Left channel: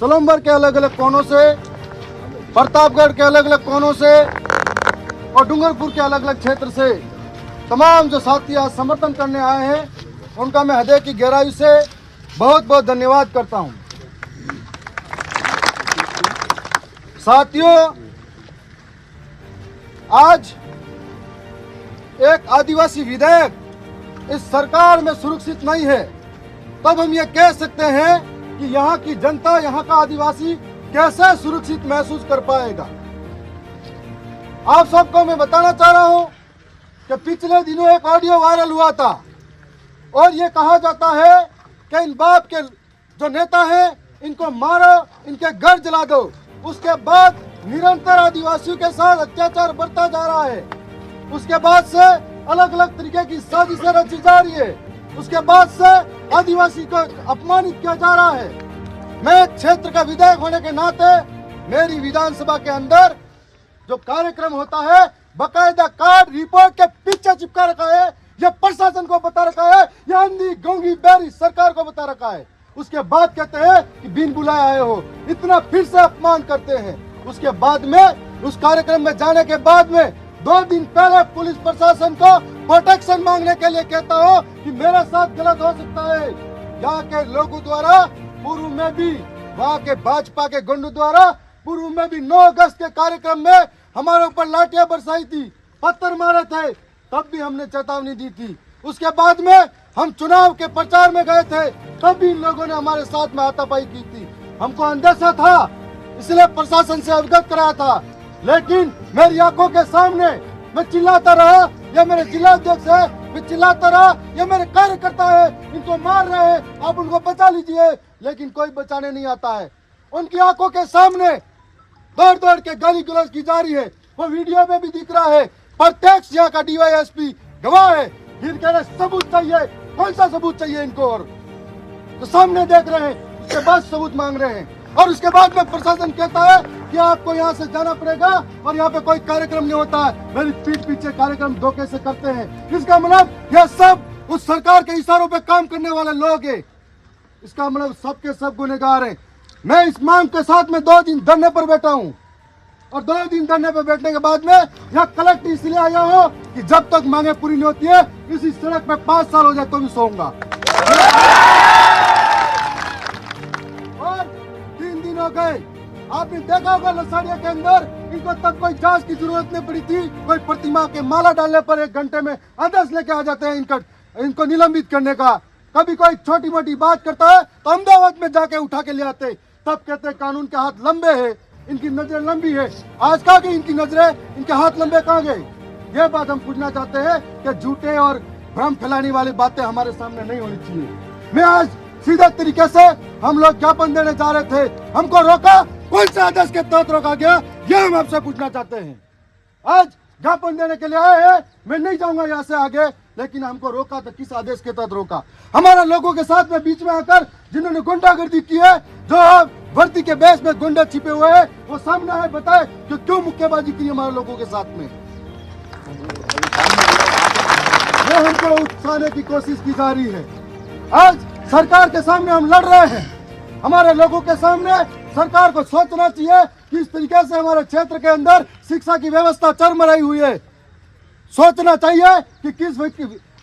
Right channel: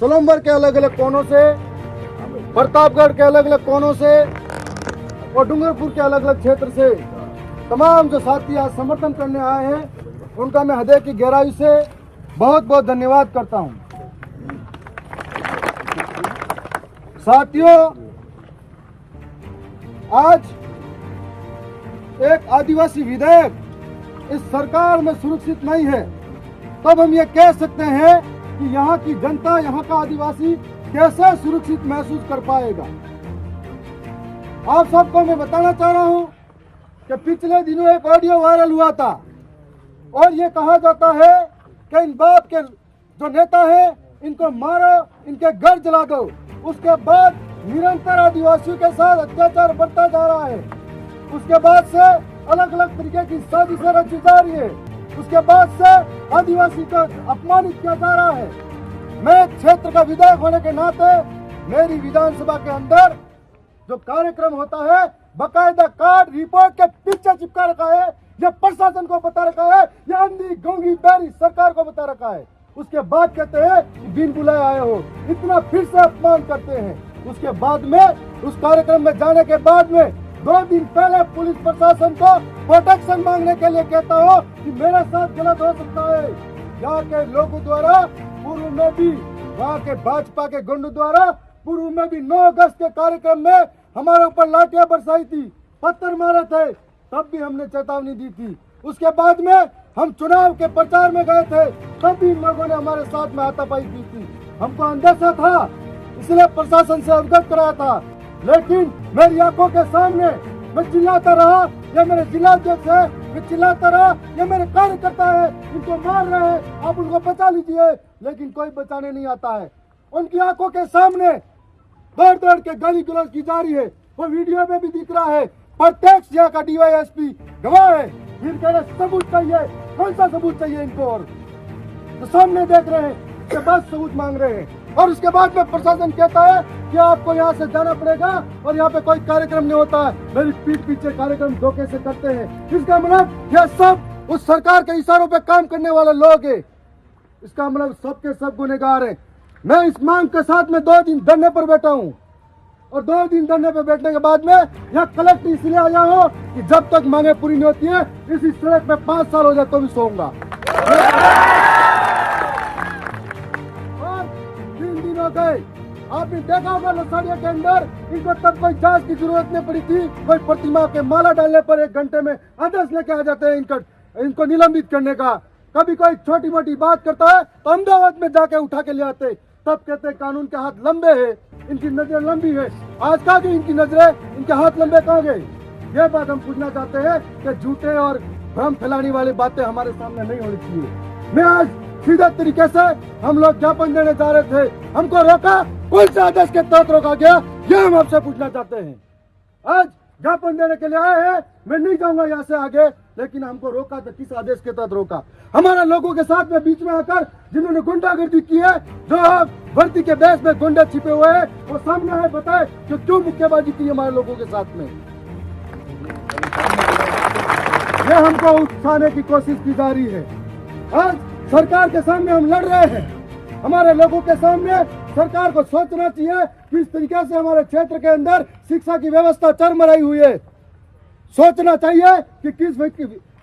सोलंबर के अलग अलग कोनों से, प्रतापगढ़ के अलग अलग कोनों से और डूंगरपुर के अलग अलग क्षेत्र से तमाम जो साथी आज समर्थन करने आए हैं, उनका मैं हृदय की गहराई से बहुत बहुत धन्यवाद करता हूं। साथियों, आज एक आदिवासी विधेयक इस सरकार में सुरक्षित नहीं है, तब हम ये कह सकते हैं कि यहाँ की जनता, यहाँ का आदिवासी कैसे सुरक्षित महसूस कर पाएगा। आप सबको मैं बताना चाह रहा हूं कि पिछले दिनों एक ऑडियो वायरल हुआ था और ये कहा जाता है कि इन बाप के जो नेता हैं, इनको मारो, इनके घर जला दो। उसके बाद निरंतर आदिवासियों के साथ अत्याचार बढ़ता जा रहा है। उसके बाद से अलग अलग तरीके की साजिशें रची जा रही है। उसके बाद से आदिवासी को अपमानित किया जा रहा है। मैं क्षेत्र का विधायक होने के नाते मेरी विधानसभा के अंदर जो कार्यक्रम होता है, बकायदा कार्ड रिपोर्ट के पीछे चिपका रखा है। यह प्रशासन को बता रखा है, यह अंधी गूंगी बहरी सरकार को बता रखा है। उसके बाद कहते हैं कि बिन बुलाए आए हो, इतना फिर से अपमान करते हैं। उसके बाद में उस कार्यक्रम में जाने के बाद में 2 दिन पहले पुलिस प्रशासन को प्रोटेक्शन मांगने के लिए कहता हूँ कि मेरे साथ गलत हो सकता है। यहाँ के लोगों द्वारा पूर्व में भी, वहाँ के भाजपा के गुंडों द्वारा पूर्व में भी 9 अगस्त के कार्यक्रम में हमारे ऊपर लाठियां बरसाई थी, पत्थर मारे थे, तब भी हमने चेतावनी दी थी। उसके बाद में हम चुनाव के प्रचार में गए थे, तब भी इन लोगों ने हमारे साथ में हाथापाई की थी। हमको अंदेशा था, इसलिए प्रशासन से अवगत कराया था। लेकिन मेरी आंखों के सामने मैं चिल्लाता रहा, यह मेरे जिला अध्यक्ष है, मैं चिल्लाता रहा, यह मेरे कार्यकर्ता है, इनको मार रहे हैं, आप उनको बचा लीजिए, लेकिन कोई बचाने नहीं आता है। उनकी आंखों के सामने दौड़ दौड़ के गाली गलौज की जा रही है, वो वीडियो में भी दिख रहा है। प्रत्यक्ष यहाँ का डीवाईएसपी गवाह है। इनके लिए सबूत चाहिए, कौन सा सबूत चाहिए इनको? और तो सामने देख रहे हैं, उसके बाद सबूत मांग रहे हैं। और उसके बाद में प्रशासन कहता है कि आपको यहाँ से जाना पड़ेगा और यहाँ पे कोई कार्यक्रम नहीं होता है। मेरी पीठ पीछे कार्यक्रम धोखे से करते हैं। इसका मतलब यह सब उस सरकार के इशारों पे काम करने वाले लोग हैं। इसका मतलब सबके सब गुनहगार हैं। मैं इस मांग के साथ में 2 दिन धरने पर बैठा हूँ और 2 दिन धरने पर बैठने के बाद में यहाँ कलेक्टर इसलिए आया हूँ कि जब तक मांगे पूरी नहीं होती है, इसी सड़क पे 5 साल हो जाए तो भी सोऊंगा। और 3 दिन हो गए, आपने देखा होगा लसाड़िया के अंदर इनको तब कोई जांच की जरूरत नहीं पड़ी थी। कोई प्रतिमा के माला डालने पर 1 घंटे में आदेश लेके आ जाते हैं इनको निलंबित करने का। कभी कोई छोटी मोटी बात करता है तो अहमदाबाद में जाके उठा के ले आते, तब कहते कानून के हाथ लंबे हैं, इनकी नजरें लंबी है। आज कहाँ गई इनकी नजरें, इनके हाथ लंबे कहाँ गए? यह बात हम पूछना चाहते हैं कि झूठे और भ्रम फैलाने वाली बातें हमारे सामने नहीं होनी चाहिए। मैं आज सीधा तरीके से, हम लोग ज्ञापन देने जा रहे थे, हमको रोका, कौन से आदेश के तहत रोका गया, यह हम आपसे पूछना चाहते हैं। आज ज्ञापन देने के लिए आए हैं, मैं नहीं जाऊंगा यहाँ से आगे, लेकिन हमको रोका तो किस आदेश के तहत रोका? हमारे लोगों के साथ में बीच में आकर जिन्होंने गुंडागर्दी की है, जो वर्दी के बेस में गुंडे छिपे हुए हैं, वो सामने आए, बताए कि क्यों मुक्केबाजी की हमारे लोगों के साथ में। ये हमको उकसाने की कोशिश की जा रही है। आज सरकार के सामने हम लड़ रहे हैं। हमारे लोगों के सामने सरकार को सोचना चाहिए कि इस तरीके से हमारे क्षेत्र के अंदर शिक्षा की व्यवस्था चरमराई हुई है। सोचना चाहिए कि किस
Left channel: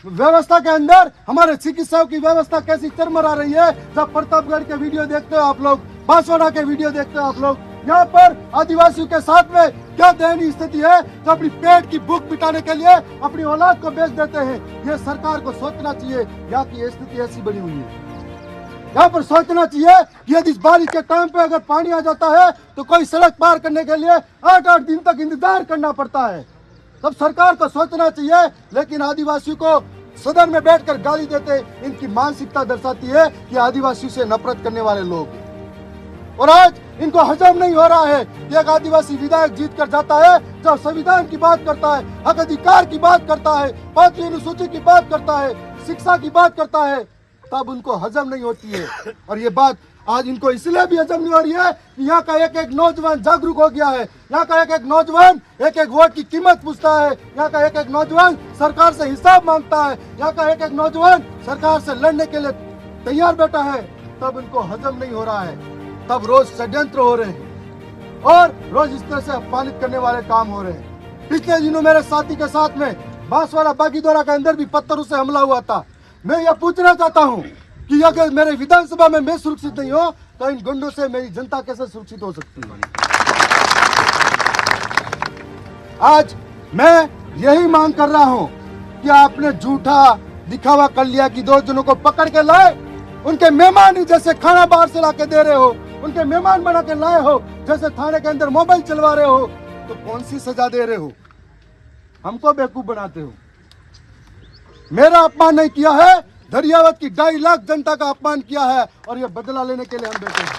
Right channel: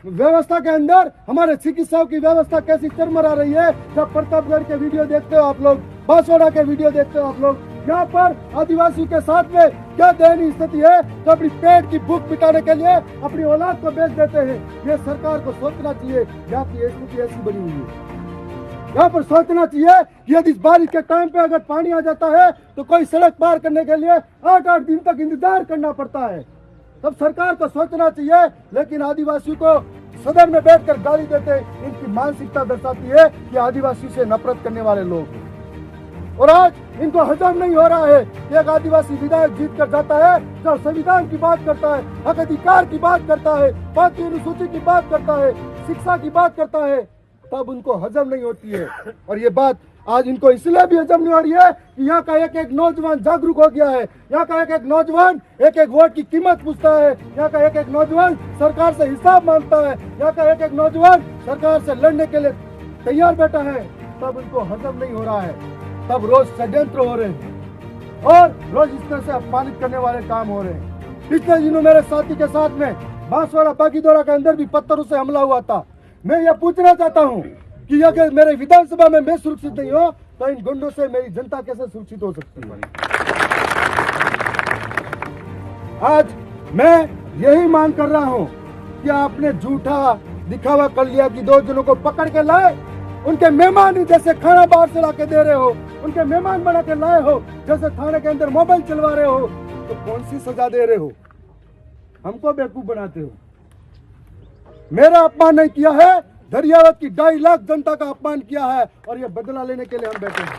व्यवस्था के अंदर हमारे चिकित्साओं की व्यवस्था कैसी चरमरा रही है। जब प्रतापगढ़ के वीडियो देखते हो आप लोग, बांसवाड़ा के वीडियो देखते हो आप लोग, यहाँ पर आदिवासियों के साथ में क्या दयनीय स्थिति है, तो अपनी पेट की भूख मिटाने के लिए अपनी औलाद को बेच देते हैं। ये सरकार को सोचना चाहिए, यहाँ की स्थिति ऐसी बनी हुई है। यहाँ पर सोचना चाहिए कि यदि इस बारिश के टाइम पे अगर पानी आ जाता है तो कोई सड़क पार करने के लिए 8-8 दिन तक इंतजार करना पड़ता है। तब सरकार को सोचना चाहिए, लेकिन आदिवासियों को सदन में बैठकर गाली देते, इनकी मानसिकता दर्शाती है कि आदिवासी से नफरत करने वाले लोग हैं। और आज इनको हजम नहीं हो रहा है कि एक आदिवासी विधायक जीत कर जाता है, जब संविधान की बात करता है, हक अधिकार की बात करता है, 5वीं अनुसूची की बात करता है, शिक्षा की बात करता है, तब उनको हजम नहीं होती है। और ये बात आज इनको इसलिए भी हजम नहीं हो रही है कि यहाँ का एक एक नौजवान जागरूक हो गया है। यहाँ का एक एक नौजवान एक एक वोट की कीमत पूछता है। यहाँ का एक एक नौजवान सरकार से हिसाब मांगता है। यहाँ का एक एक नौजवान सरकार से लड़ने के लिए तैयार बैठा है। तब इनको हजम नहीं हो रहा है। तब रोज षड्यंत्र हो रहे हैं और रोज इस तरह से अपमानित करने वाले काम हो रहे हैं। पिछले दिनों मेरे साथी के साथ में बांसवाड़ा बागीदोरा के अंदर भी पत्थरों से हमला हुआ था। मैं यह पूछना चाहता हूं कि अगर मेरे विधानसभा में मैं सुरक्षित नहीं हो तो इन गुंडों से मेरी जनता कैसे सुरक्षित हो सकती है। आज मैं यही मांग कर रहा हूं कि आपने झूठा दिखावा कर लिया कि 2 जनों को पकड़ के लाए, उनके मेहमान जैसे खाना बाहर से लाके दे रहे हो, उनके मेहमान बना के लाए हो, जैसे थाने के अंदर मोबाइल चलवा रहे हो, तो कौन सी सजा दे रहे हो? हमको बेवकूफ बनाते हो। मेरा अपमान नहीं किया है, दरियावत की 2.5 लाख जनता का अपमान किया है और ये बदला लेने के लिए हम बैठे हैं।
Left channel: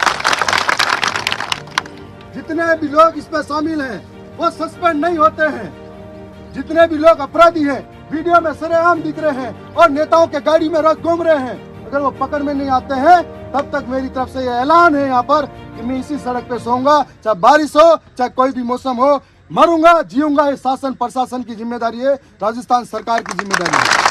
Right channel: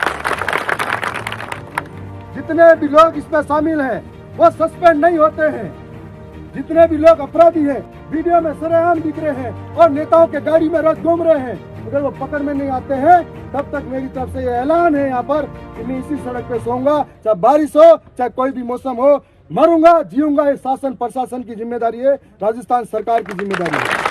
जितने भी लोग इसमें शामिल हैं वो सस्पेंड नहीं होते हैं। जितने भी लोग अपराधी हैं वीडियो में सरेआम दिख रहे हैं और नेताओं के गाड़ी में रोज घूम रहे हैं, अगर वो पकड़ में नहीं आते हैं तब तक मेरी तरफ से ये ऐलान है यहाँ पर कि मैं इसी सड़क पे सोऊंगा, चाहे बारिश हो चाहे कोई भी मौसम हो, मरूंगा जीऊंगा। ये शासन प्रशासन की जिम्मेदारी है, राजस्थान सरकार की जिम्मेदारी है।